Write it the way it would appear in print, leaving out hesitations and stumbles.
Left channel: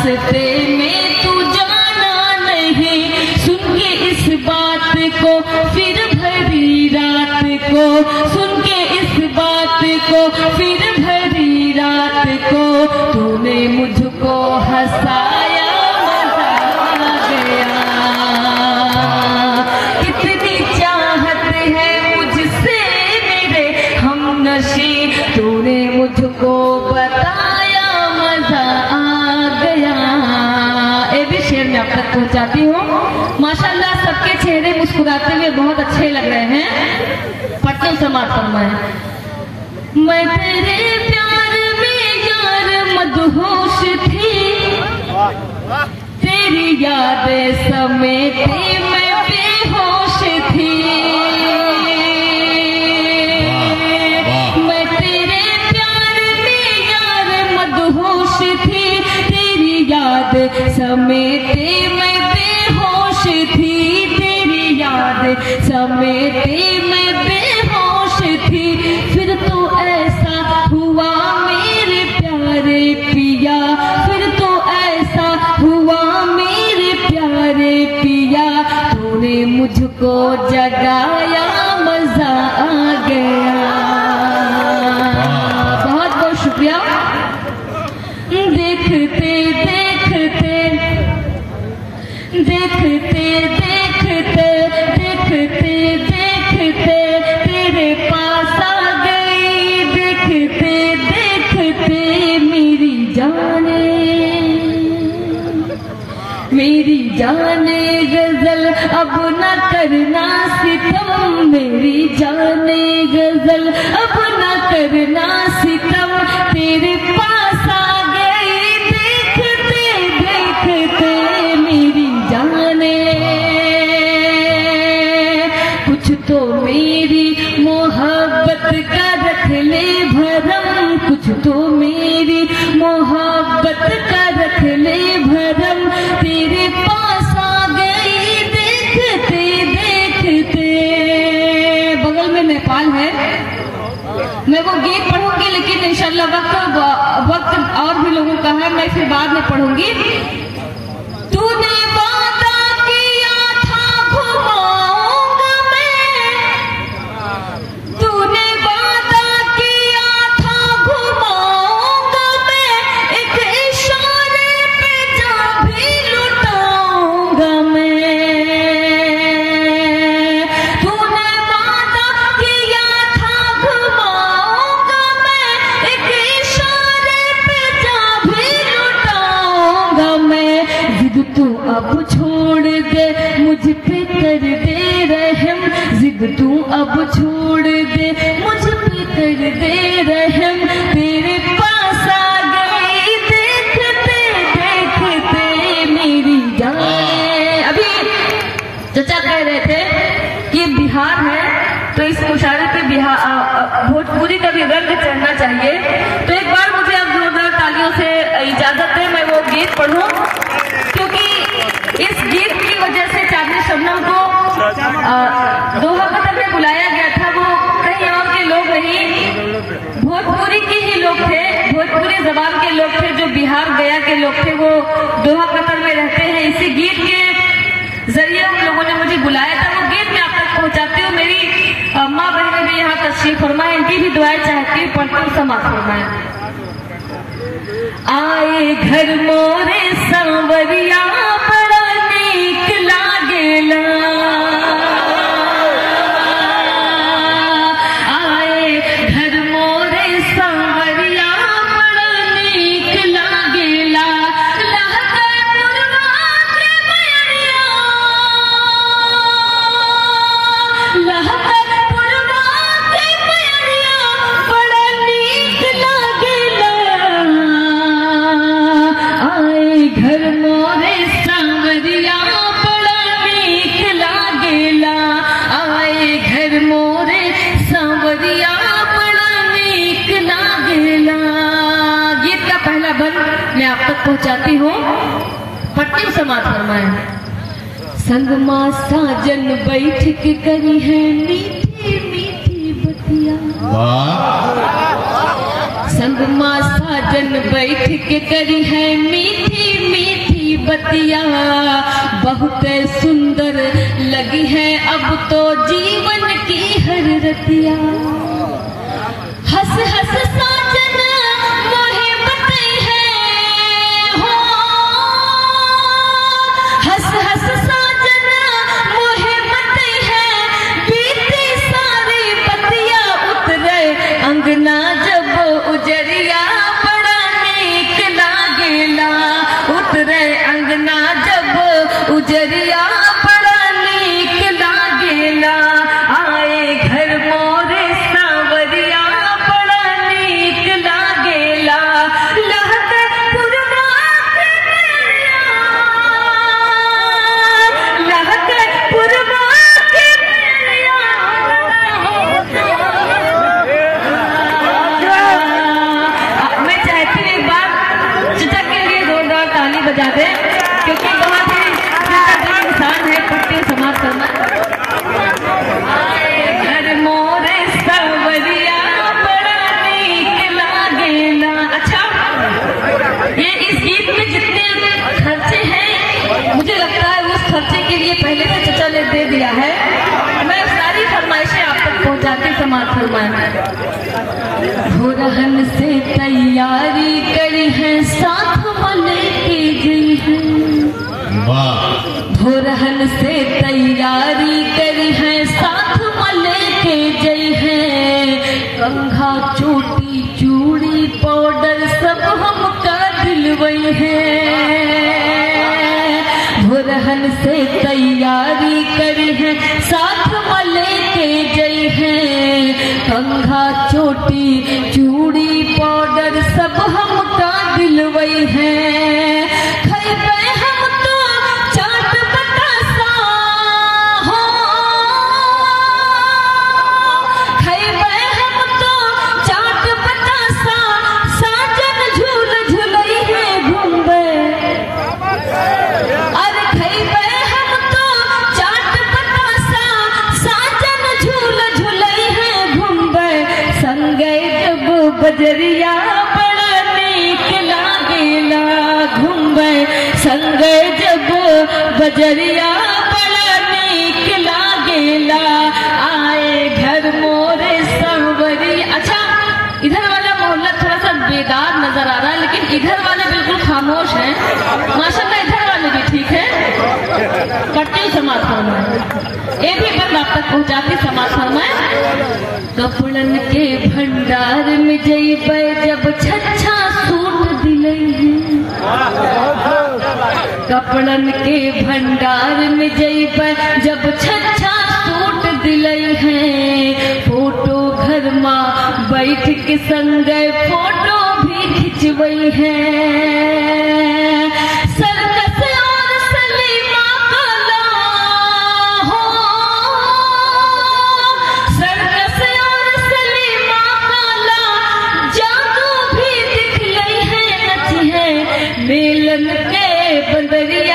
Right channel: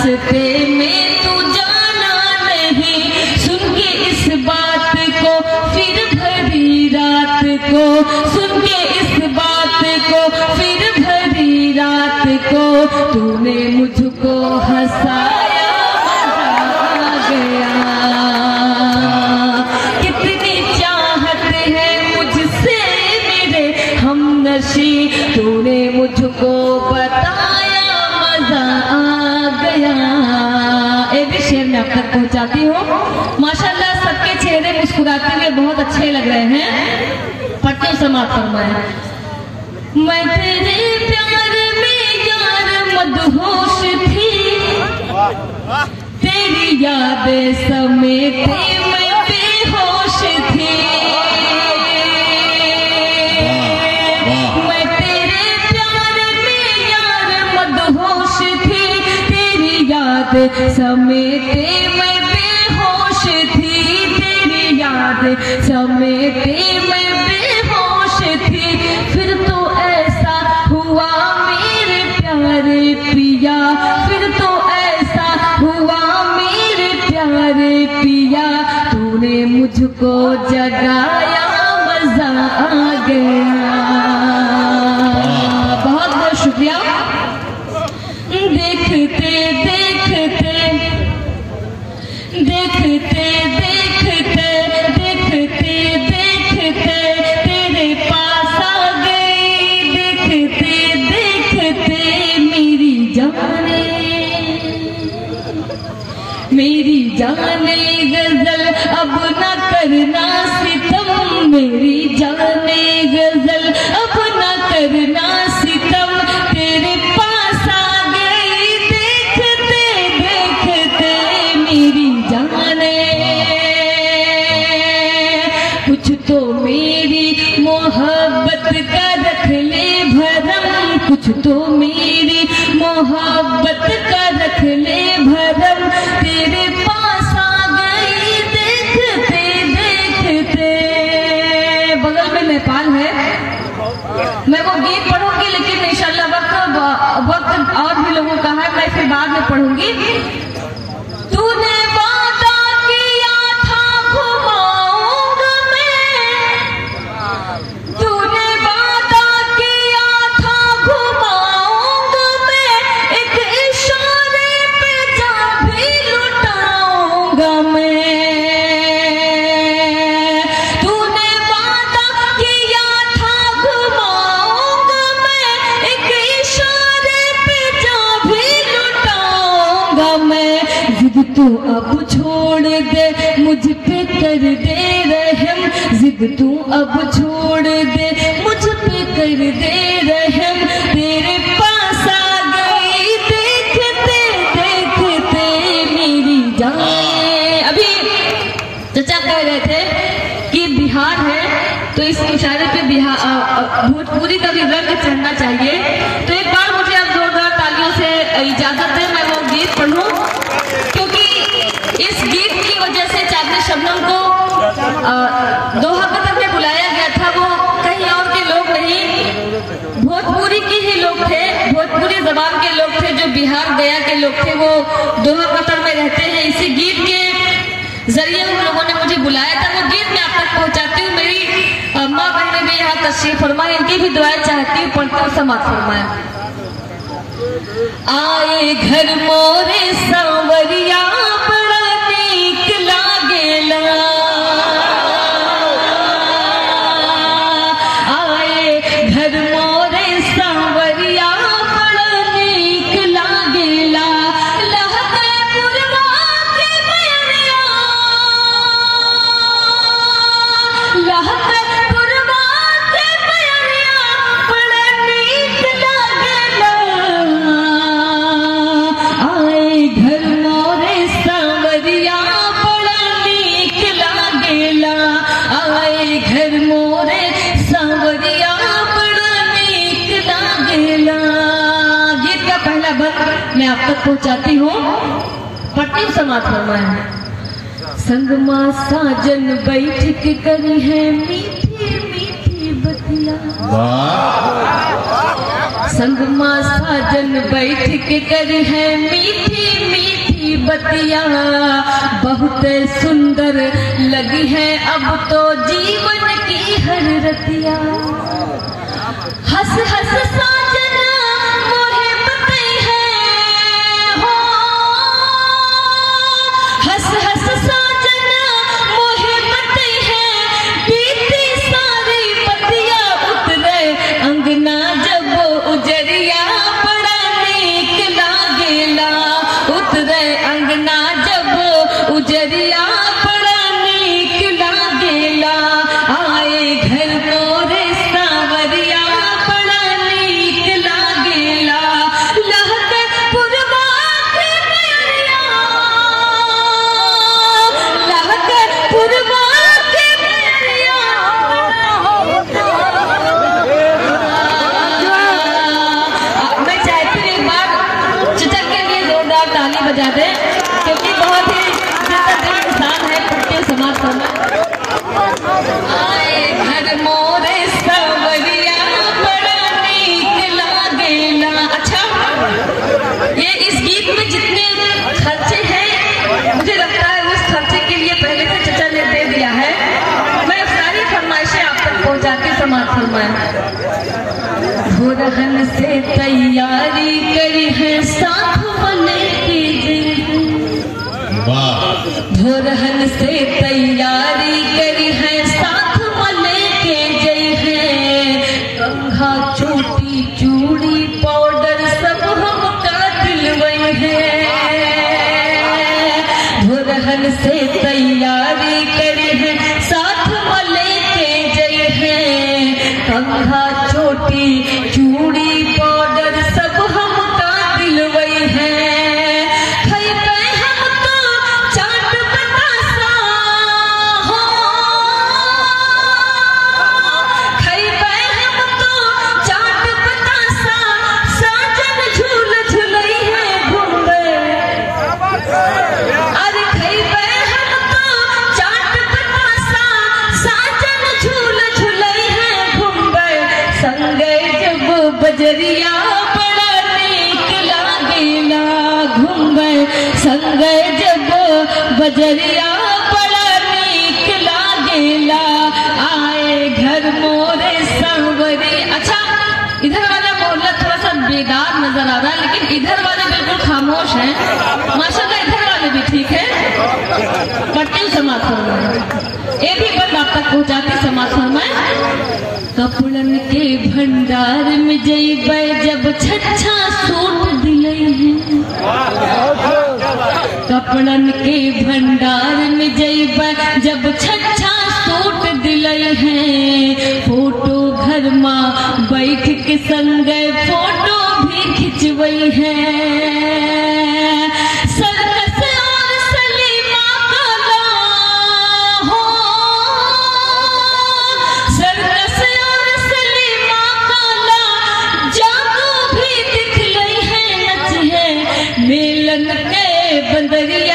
रास्ते में तू जाना नहीं, सुन के इस बात को फिर भरी रात को, सुन के इस बात को फिर भरी रात को, तूने मुझको हंसाया मजा आ गया। कितनी चाहत है मुझसे मेरे हमनशी, तूने मुझको बताया मजा आ गया। ये भी शेर में आप तक पहुंचाती हूँ। माशाल्लाह सबके चेहरे मुस्कुराते हुए बहुत अच्छे लग रहे हैं। पढ़ते समाप्त फरमाया। मैं तेरे प्यार में यार मदहोश थी, तेरी यादें समेटे मैं बेहोश थी। मैं तेरे प्यार में यार मदहोश थी, तेरी याद समेटे मैं बेहोश थी, तेरी याद समेटे मैं बेहोश थी। फिर तो ऐसा हुआ मेरे प्यारे पिया, फिर तो ऐसा हुआ मेरे प्यारे पिया, तूने मुझको जगाया मजा आ गया। बहुत बहुत शुक्रिया। देखते देखते देखते देखते देखते देखते तेरे पास आ गई, देखते देखते मेरी जाने, मेरी जाने गजल अब न करना सितम, मेरी जाने गजल अब न करना सितम, तेरे पास आ गई, देखते देखते मेरी जाने। कुछ तो मेरी मोहब्बत का रख ले भरम, कुछ तो मेरी मोहब्बत का रख ले भरम, तेरे पास आ गई, देखते देखते। बगल में नेपाल है, मैं वो गीत पढ़ूंगी लेकिन इंशाल्लाह वक्त और भी लोगों का है, मैं फिर बाद में पढ़ूंगी। तूने वादा किया था घुमाऊंगा मैं, तूने वादा किया था घुमाऊंगा मैं, एक इशारे पे जान भी लुटाऊंगा मैं। तूने वादा किया था घुमाऊंगा मैं, एक इशारे पे जान भी लुटाऊंगा मैं। जिद तू अब छोड़ दे मुझ पे कर दे रहम, जिद तू अब छोड़ दे मुझ पे कर दे रहम, तेरे पास आ गई, देखते देखते मेरी जान। अभी चचा कह रहे थे कि बिहार है तो इस मुशायरे पे बिहार भोजपुरी का भी रंग चढ़ना चाहिए। तो एक बार मुझे अब जोरदार तालियों से इजाजत है, मैं वो गीत पढ़ूं, क्योंकि इस गीत की वजह से चांदनी शबनम को दोहा कतर में बुलाया गया था। वो कहीं और के लोग नहीं, भोजपुरी के ही लोग थे, भोजपुरी जबान के लोग थे, जो बिहार गया के लोग थे, वो दोहा कतर में रहते हैं। इसी गीत के जरिए उन लोगों ने मुझे बुलाया था, वो गीत मैं आप तक पहुंचाती हूँ। मेरी माँ बहन भी यहाँ तशरीफ फरमाए, इनकी भी दुआएं चाहती हूँ, पढ़ती हूँ, समाप्त फरमाए। आए घर मोरे सांवरिया बड़ा नीक लागेला, आए घर मोरे सांवरिया बड़ा नीक लागेला, लहके मुर्गा के मैरिया, लहके मुर्गा के मैरिया बड़ा नीक लागेला। आए घर मोरे सांवरिया बड़ा नीक लागेला, आए घर मोरे सांवरिया बड़ा नीक लागेला। गीत का पहला बंद मैं आप तक पहुंचाती हूँ, पट्टी समाप्त फरमाए। संगमा साजन बैठ के करी है मीठी मीठी बतिया, संगमा साजन बैठ के करी है मीठी बतिया बहुत सुंदर लगी है अब तो जीवन की हर रतिया। हंस हंस साजन मोहे बतई है हो, हंस हंस साजन मोहे बतई है, बीती सारी बतिया उतरे अंगना जब उजरिया बड़ा नीक लागेला, उतरे अंगना जब उजरिया बड़ा नीक लागेला, आए घर मोरे सावरिया बड़ा नीक लागेला, लहकर पुरवा के मैया, लहकर पुरवा के मैया। मैं चाहती हूँ एक बार चचा के लिए जोरदार ताली बजा दे, क्योंकि बहुत ही इंसान है पुट्टे समाज करना। आए घर मोरे सावरिया बड़ा नीक लागेला। अच्छा, ये इस गीत में जितने खर्चे हैं मुझे लगता है उस खर्चे के लिए पहले से चचा ने दे दिया है। मैं सारी फरमाइशें आप तक पहुंचाती समाज फरमाएं। भोरहन से तैयारी करी है साथ बने की जिंदगी, भोरहन से तैयारी करी है साथ मले के जय है, कंघा चोटी चूड़ी पाउडर सब हमका दिलवई है, भोरहन से तैयारी करी है साथ मले के जय है, कंघा चोटी चूड़ी पाउडर सब हमका दिलवई है, बजरिया बड़ा नीक लागेला, घूमे संग जब बजरिया बड़ा नीक लागेला, आए घर मोरे सांवरी। अच्छा, इधर वाला मोहल्ला थोड़ा सा बेदार नजर आ रहा है, लेकिन इधर वाले बिल्कुल खामोश हैं माशाल्लाह। इधर वाले भी ठीक है, करती समाज फरमाए, ये भी बात आप तक पहुंचाती समाज फरमाए। कपड़न के भंडार में जइब जब छच्छा सूट दिलई, कपड़न के भंडार में जइब जब छच्छा सूट दिलई है, फोटो घर माँ बैठ के संग फोटो भी खिंचवई है, मेलन के बंदरिया